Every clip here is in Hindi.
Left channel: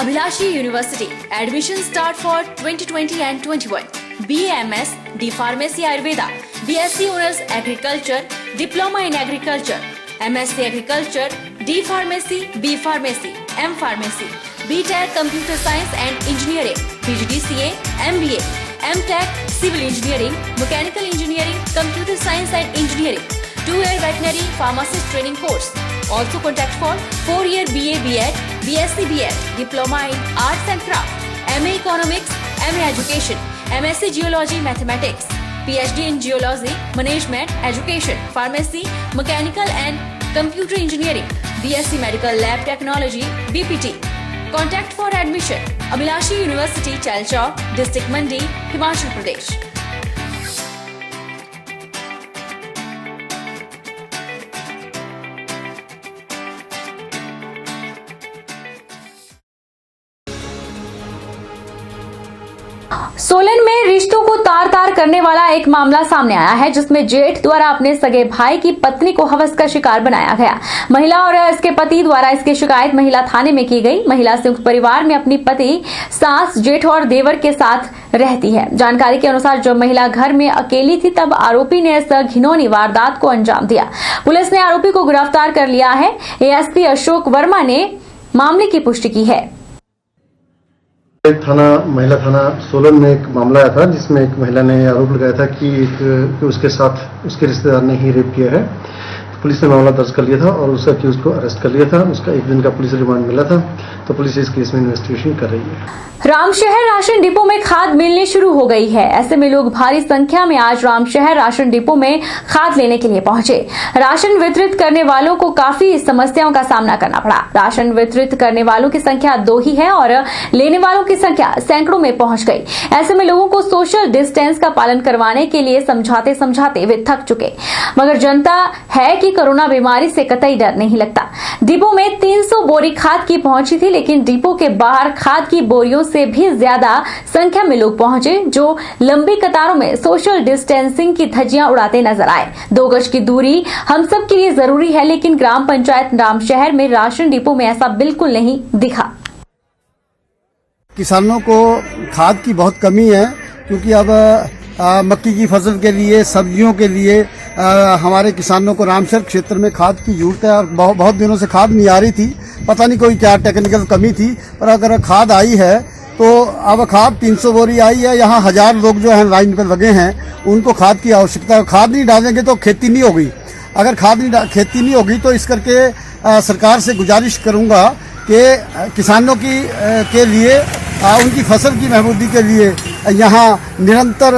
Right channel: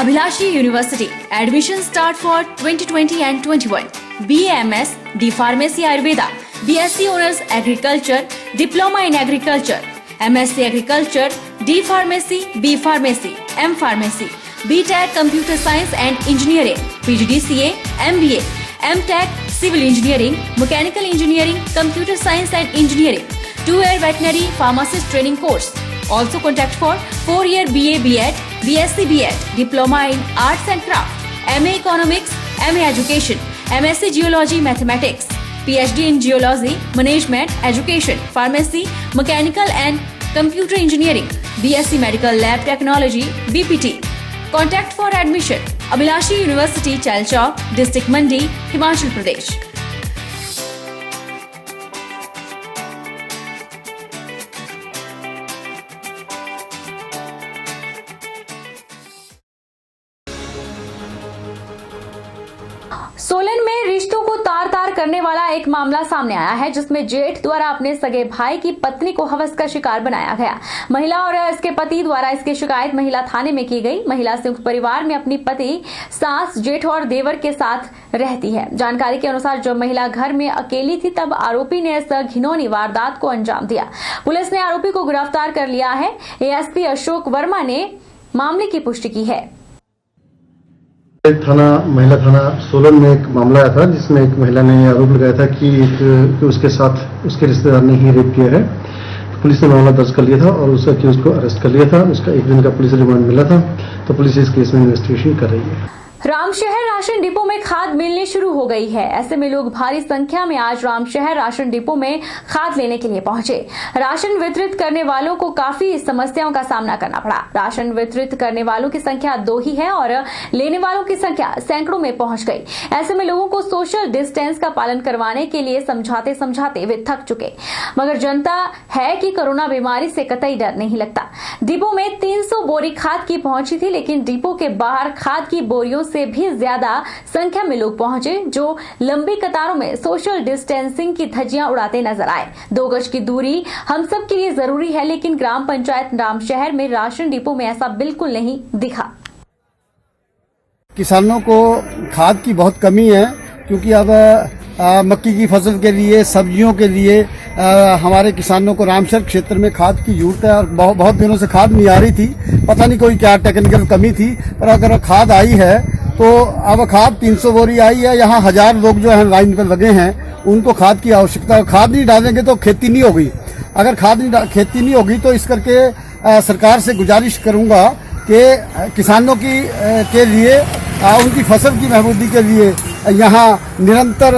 Abhilashi University. Admission start for 2020 and 21. BAMS, D Pharmacy Ayurveda, BSc Honors Agriculture, Diploma in Agriculture, MSc Agriculture, D Pharmacy, B Pharmacy, M Pharmacy, BTech Computer Science and Engineering, PGDCA, MBA, MTech Civil Engineering, Mechanical Engineering, Computer Science and Engineering, 2-year Veterinary Pharmacist Training Course. Also contact for 4-year BA BEd, BSc BEd, Diploma in Arts and Craft, MA Economics, MA Education, MSc Geology Mathematics, PhD in Geology, Management, Education, Pharmacy, Mechanical and Computer Engineering, BSc Medical Lab Technology, BPT. Contact for admission. Abhilashi University, Chalchawk, District Mandi, Himachal Pradesh. Solan में रिश्तों को तार तार करने वाला एक मामला सामने आया है, जिसमें जेठ द्वारा अपने सगे भाई की पत्नी को हवस का शिकार बनाया गया। महिला और इसके पति द्वारा इसकी शिकायत महिला थाने में की गई। महिला संयुक्त परिवार में अपनी पति, सास, जेठ और देवर के साथ रहती है। जानकारी के अनुसार जब महिला घर में अकेली थी, तब आरोपी ने इस घिनौनी वारदात को अंजाम दिया। पुलिस ने आरोपी को गिरफ्तार कर लिया है। एएसपी अशोक वर्मा ने मामले की पुष्टि की है। महिला थाना सोलन में एक मामला आया था, जिसमें एक महिला ने आरोप लगाया था कि उसके साथ उसके रिश्तेदार ने ही रेप किया है। तो पुलिस ने मामला दर्ज कर लिया था और उसका अक्यूज को अरेस्ट कर लिया था। उसका 1 दिन का पुलिस रिमांड मिला था। तो पुलिस इस केस में इन्वेस्टिगेशन कर रही है। रामशहर राशन डिपो में खाद मिलनी शुरू हो गई है। ऐसे में लोग भारी संख्या में आज रामशहर राशन डिपो में खाद लेने के लिए पहुंचे। राशन वितरित करने वालों को काफी समस्याओं का सामना करना पड़ा। राशन वितरित करने वालों की संख्या 2 ही है और लेने वालों की संख्या सैकड़ों में पहुंच गई। ऐसे में लोगों को सोशल डिस्टेंस का पालन करवाने के लिए समझाते समझाते वे थक चुके, मगर जनता है कि कोरोना बीमारी से कतई डर नहीं लगता। डिपो में 300 बोरी खाद की पहुंची थी, लेकिन डिपो के बाहर खाद की बोरियों से भी ज्यादा संख्या में लोग पहुंचे, जो लंबी कतारों में सोशल डिस्टेंसिंग की धज्जियां उड़ाते नजर आए। 2 गज की दूरी हम सब के लिए जरूरी है, लेकिन ग्राम पंचायत रामशहर में राशन डिपो में ऐसा बिल्कुल नहीं दिखा। किसानों को खाद की बहुत कमी है, क्योंकि अब मक्की की फसल के लिए, सब्जियों के लिए हमारे किसानों को रामशहर क्षेत्र में खाद की जरूरत है। और बहुत दिनों से खाद नहीं आ रही थी। पता नहीं कोई क्या टेक्निकल कमी थी, पर अगर खाद आई है तो अब खाद 300 बोरी आई है। यहाँ 1000 लोग जो है लाइन पर लगे हैं, उनको खाद की आवश्यकता है। खाद नहीं डालेंगे तो खेती नहीं होगी। अगर खेती नहीं होगी तो इस करके सरकार से गुजारिश करूंगा कि किसानों के लिए उनकी फसल की महफूजी के लिए यहाँ निरंतर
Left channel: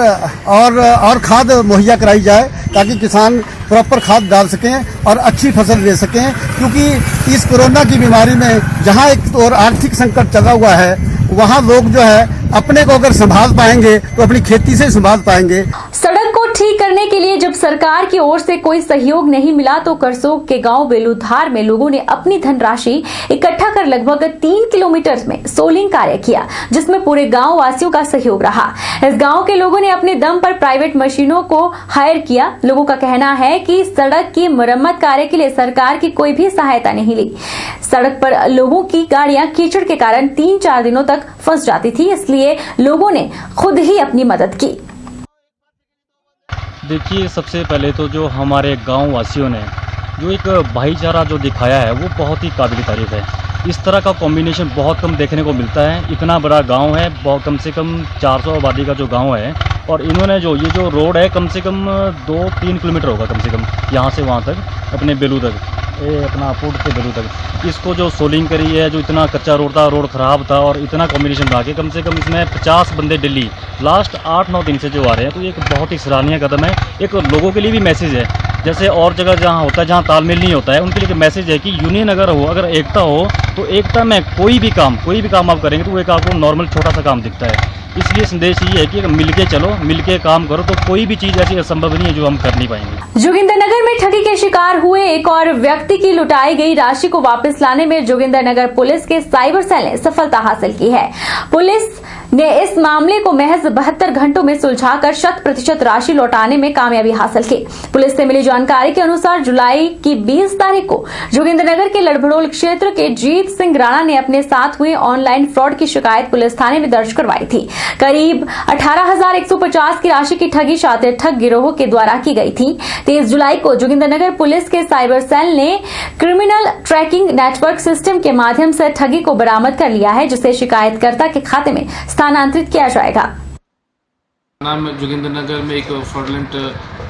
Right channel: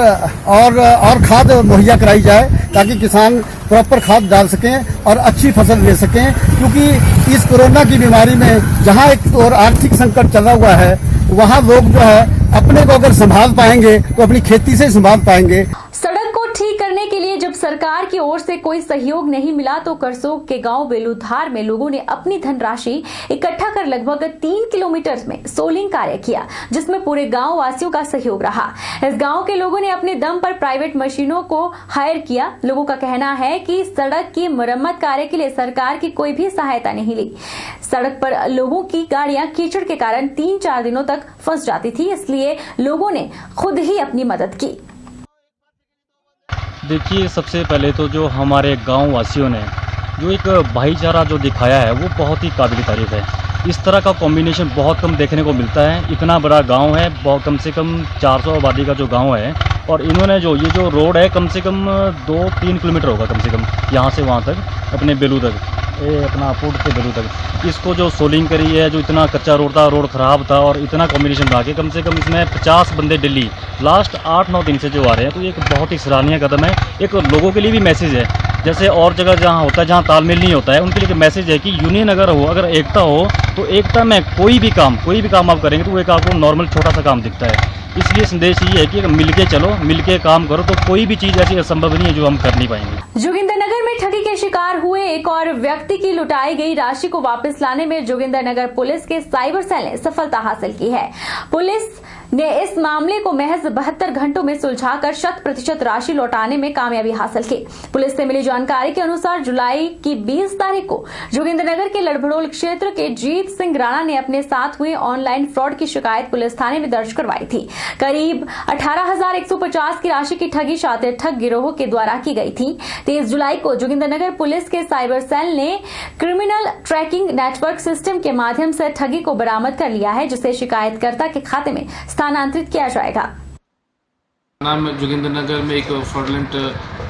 और खाद मुहैया कराई जाए, ताकि किसान प्रॉपर खाद डाल सकें और अच्छी फसल ले सकें। क्योंकि इस कोरोना की बीमारी में जहाँ एक और आर्थिक संकट चला हुआ है, वहाँ लोग जो है अपने को अगर संभाल पाएंगे तो अपनी खेती से संभाल पाएंगे। सड़क को ठीक करने के लिए जब सरकार की ओर से कोई सहयोग नहीं मिला, तो करसोग के गांव बेलूधार में लोगों ने अपनी धनराशि इकट्ठा कर लगभग 3 किलोमीटर में सोलिंग कार्य किया, जिसमें पूरे गांव वासियों का सहयोग रहा। इस गांव के लोगों ने अपने दम पर प्राइवेट मशीनों को हायर किया। लोगों का कहना है कि सड़क की मरम्मत कार्य के लिए सरकार की कोई भी सहायता नहीं ली। सड़क पर लोगों की गाड़ियां कीचड़ के कारण 3-4 दिनों तक फंस जाती थी, इसलिए लोगों ने खुद ही अपनी मदद की। देखिए, सबसे पहले तो जो हमारे गांव वासियों ने जो एक भाईचारा जो दिखाया है, वो बहुत ही काबिल तारीफ है। इस तरह का कॉम्बिनेशन बहुत कम देखने को मिलता है। इतना बड़ा गांव है, बहुत कम से कम 400 आबादी का जो गांव है, और इन्होंने ये जो रोड है कम से कम 2-3 किलोमीटर होगा कम से कम, यहाँ से वहाँ तक, अपने बेलू तक, ये अपना पुट से बेलू तक, इसको जो सोलिंग करी है। जो इतना कच्चा रोड था, रोड ख़राब था, और इतना कॉम्बिनेशन था कि कम से कम इसमें 50 बंदे डेली लास्ट 8-9 दिन से जो आ रहे हैं। तो एक बहुत ही सराहनीय कदम है। एक लोगों के लिए भी मैसेज है, जैसे और जगह जहाँ होता है, जहाँ तालमेल नहीं होता है, उनके लिए मैसेज है कि यूनियन अगर एकता हो, तो एकता में कोई भी काम आप करेंगे तो वो एक आपको नॉर्मल छोटा सा काम दिखता है। इसलिए संदेश ये है कि मिलके चलो, मिलके काम करो, तो कोई भी चीज़ ऐसी असंभव नहीं है जो हम कर नहीं पाएंगे। जोगिंदरनगर में ठगी के शिकार हुए एक और व्यक्ति की लुटाई गई राशि को वापस लाने में जोगिंदरनगर पुलिस के साइबर सेल ने सफलता हासिल की है। पुलिस ने इस मामले को महज 72 घंटों में सुलझाकर 100% राशि लौटाने में कामयाबी हासिल की। पुलिस से मिली जानकारी के अनुसार जुलाई की 20 तारीख को जोगिंद्रनगर के लड़भड़ोल क्षेत्र के जीत सिंह राणा ने अपने साथ हुए ऑनलाइन फ्रॉड की शिकायत पुलिस थाने में दर्ज करवाई थी। करीब 18,150 की राशि की ठगी शातिर ठग गिरोह के द्वारा की गई थी। 23 जुलाई को जोगिंद्रनगर पुलिस के साइबर सेल ने क्रिमिनल ट्रैकिंग नेटवर्क सिस्टम के माध्यम से ठगी को बरामद कर लिया है, जिसे शिकायतकर्ता के खाते में स्थानांतरित किया जाएगा। नाम जोगिंद्रनगर में एक फ्रॉडलेंट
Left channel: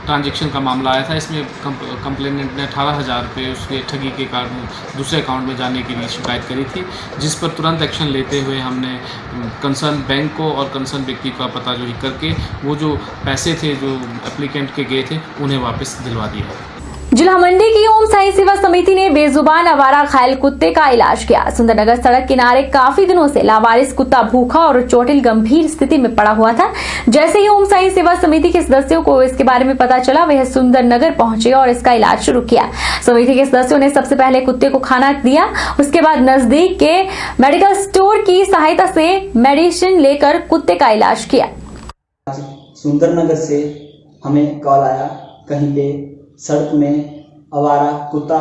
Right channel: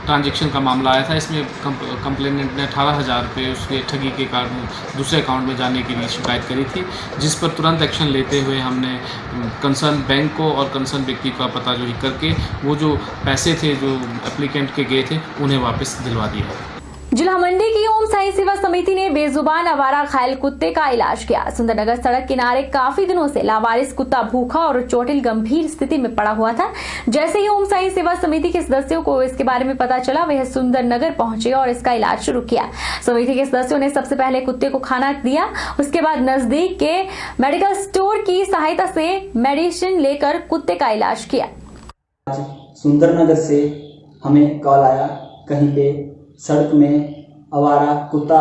ट्रांजैक्शन का मामला आया था। इसमें कंप्लेनेंट ने 18,000 रुपये उसके ठगी के कारण दूसरे अकाउंट में जाने के लिए शिकायत करी थी, जिस पर तुरंत एक्शन लेते हुए हमने कंसर्न बैंक को और कंसर्न व्यक्ति का पता जो करके वो जो पैसे थे जो एप्लीकेंट के गए थे उन्हें वापस दिलवा दिया। जिला मंडी की ओम साई सेवा समिति ने बेजुबान आवारा घायल कुत्ते का इलाज किया। सुंदरनगर सड़क किनारे काफी दिनों से लावारिस कुत्ता भूखा और चोटिल गंभीर स्थिति में पड़ा हुआ था। जैसे ही ओम साई सेवा समिति के सदस्यों को इसके बारे में पता चला, वह सुंदरनगर पहुंचे और इसका इलाज शुरू किया। समिति के सदस्यों ने सबसे पहले कुत्ते को खाना दिया, उसके बाद नजदीक के मेडिकल स्टोर की सहायता से मेडिसिन लेकर कुत्ते का इलाज किया। सुंदरनगर से हमें कॉल आया, कहीं पे सड़क में आवारा कुत्ता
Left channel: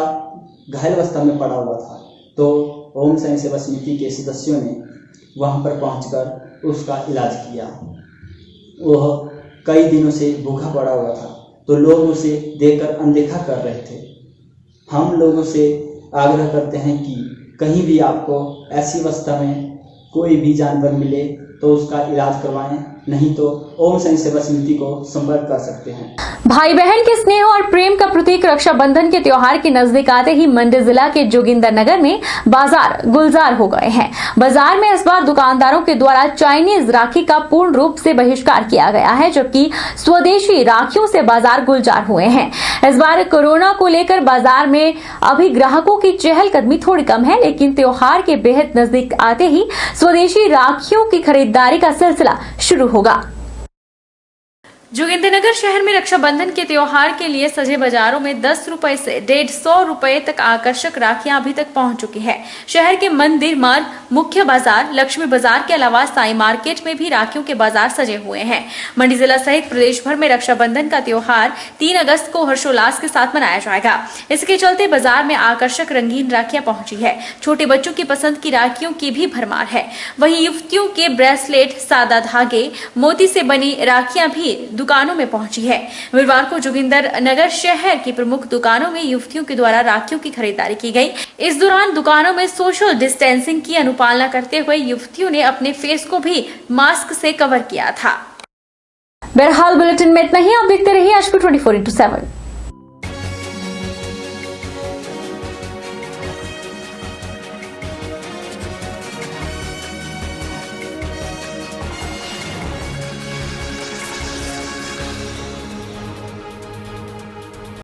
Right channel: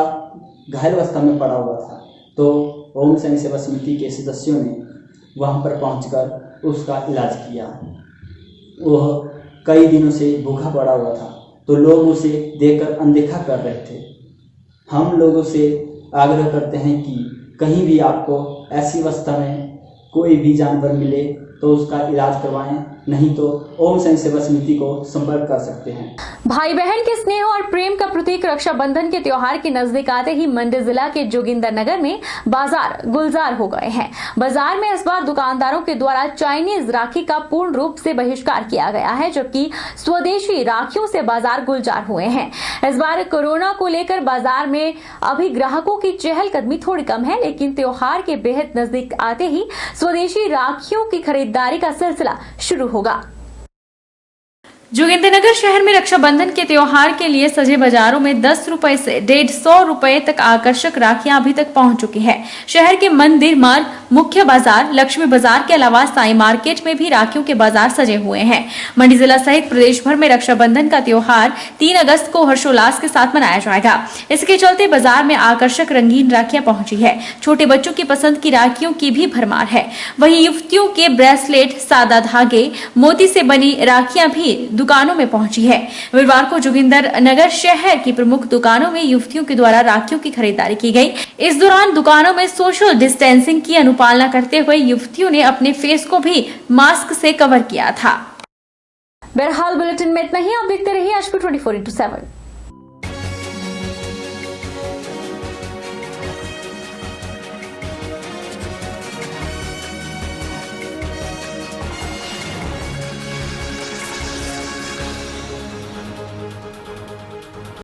घायल अवस्था में पड़ा हुआ था, तो ओम साई सेवा समिति के सदस्यों ने वहां पर पहुंचकर उसका इलाज किया। वह कई दिनों से भूखा पड़ा हुआ था, तो लोग उसे देखकर अनदेखा कर रहे थे। हम लोगों से आग्रह करते हैं कि कहीं भी आपको ऐसी अवस्था में कोई भी जानवर मिले तो उसका इलाज करवाएं, नहीं तो ओम साई सेवा समिति को संपर्क कर सकते हैं। भाई बहन के स्नेह और प्रेम का प्रतीक रक्षाबंधन के त्योहार के नजदीक आते ही मंडी जिला के जोगिंद्रनगर में बाजार गुलजार हो गए हैं। बाजार में इस बार दुकानदारों के द्वारा चाइनीज राखी का पूर्ण रूप से बहिष्कार किया गया है, जबकि स्वदेशी राखियों से बाजार गुलजार हुए हैं। इस बार कोरोना को लेकर बाजार में अभी ग्राहकों की चहलकदमी थोड़ी कम है, लेकिन त्योहार के बेहद नजदीक आते ही स्वदेशी राखियों की खरीदारी का सिलसिला शुरू होगा। जोगिंद्रनगर शहर में रक्षाबंधन के त्योहार के लिए सजे बाजारों में 10 रुपए से 150 रुपए तक आकर्षक राखियां अभी तक पहुंच चुकी है। शहर के मंदिर मार्ग, मुख्य बाजार, लक्ष्मी बाजार के अलावा साई मार्केट में भी राखियों के बाजार सजे हुए हैं। मंडी जिला सहित प्रदेश भर में रक्षाबंधन का त्योहार 3 अगस्त को हर्षोल्लास के साथ मनाया जाएगा। इसके चलते बाजार में आकर्षक रंगीन राखियां पहुंची है। छोटे बच्चों की पसंद की राखियों की भी भरमार है। वहीं युवतियों के ब्रेसलेट, सादा धागे, मोती से बनी राखियां भी दुकानों में पहुंची है। रविवार को जोगिंद्रनगर शहर की प्रमुख दुकानों में युवतियों के द्वारा राखियों की खरीदारी की गई। इस दौरान दुकानों में सोशल डिस्टेंसिंग की अनुपालना करते हुए युवतियों ने अपने फेस को भी मास्क से कवर किया था। बहरहाल बुलेटिन में इतना ही। आप देखते रहिए HP 24/7।